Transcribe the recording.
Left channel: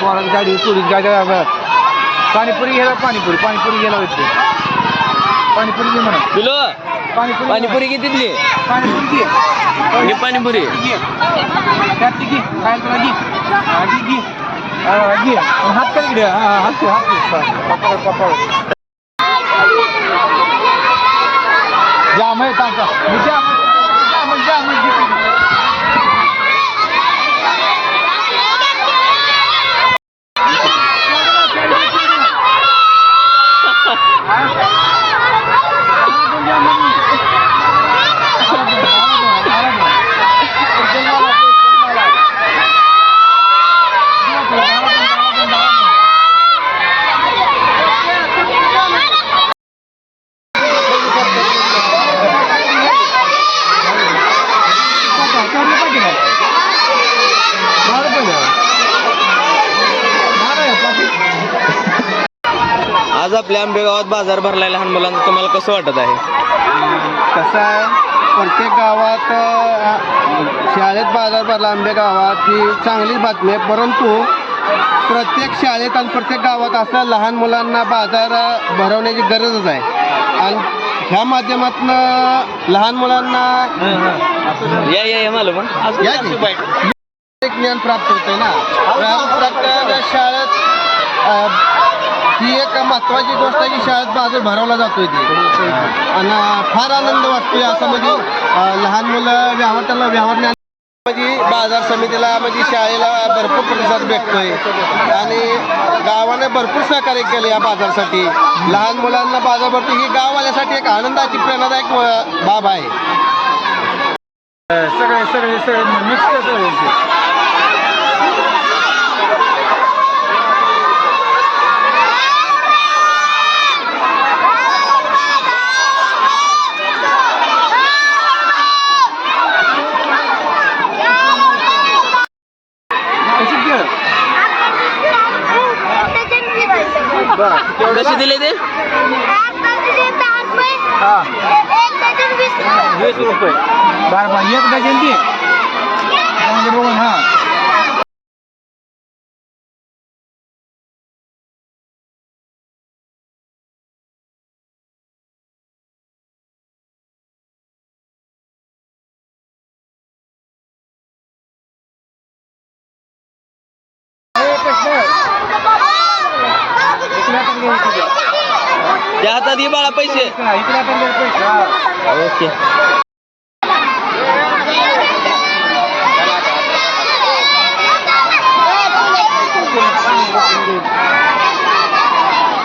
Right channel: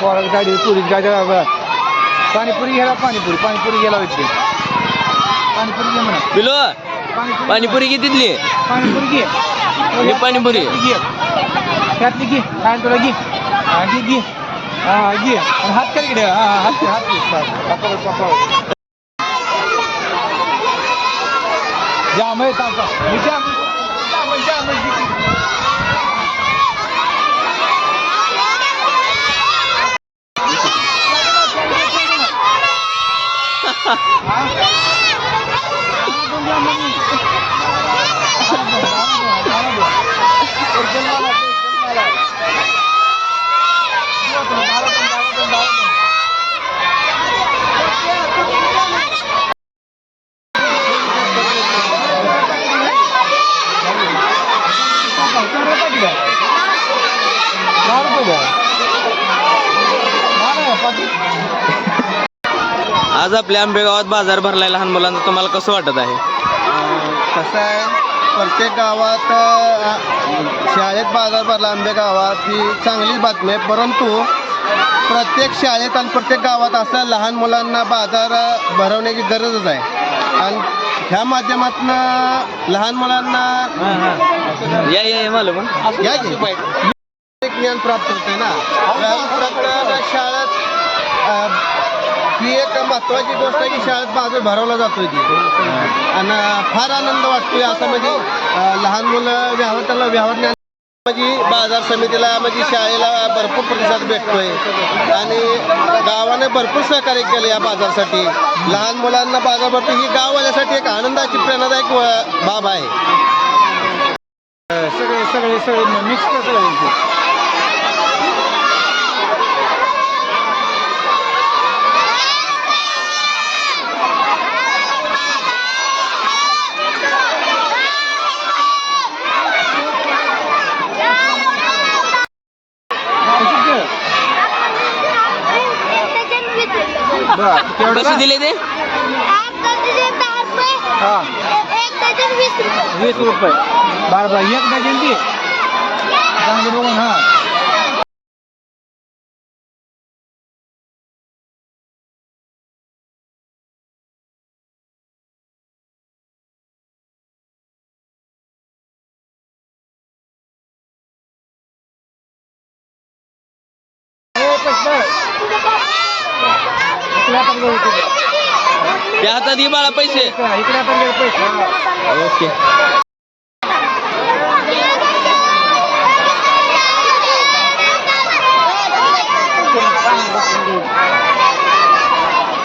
पोराची गाडी पोलीस गाडी पाणीपुरी घ्यायला पाणीपुरी घ्यायला होते पाणीपुरी घे म्हणा किलो पाणीपुरी पाणीपुरी कितीतली पाणीपुरी घे ही पाणीपुरी घे त्यातली घे काय तुला घे घे घे घे हात कर इकडे हात हात जाम आहे तांचा आज आपल्या आंबेगावात बाजार भरलाय लहान मुलांचा तुम्हाला कसं वाटत आहे कसं आहे प्रत्येक गावात शाळेत बाजार भरला आंबेगावात ही चांगलीच बातमी आहे परंतु प्रत्येक शाळेत आणि प्रत्येक गावात असं लहान मुलांना बाजार भरवण्याची गरजच आहे आणि ह्या माध्यमातून लहान मुलांना या मला पण या एक ज्ञान प्राप्त होते ना प्रत्येक शाळेत ही एक महत्त्वाची गोष्ट आहे की शाळेत बाजार भरवला जातोय ती आणि फार आनंद वाटतोय असं म्हणजे लहान मुलं त्यांना व्यवहार म्हणजे बाजार समितीला म्हणजे शाळेला भरपूर प्रतिसाद भेटतोय आणि गावाने भरपूर सहकार्य केलं या बाजारासाठी लहान मुलांना बाजार भरतो ही गाववाल्यासाठी एक आनंदाची प्रेरणादायक बाब आहे सगळे मिक्स सगळे कसे दिले ते 20 रुपये बरं एक डझन दे चांगले बघून हा त्या हातात ही बाळा पैसे इकडे पण पैसे ओके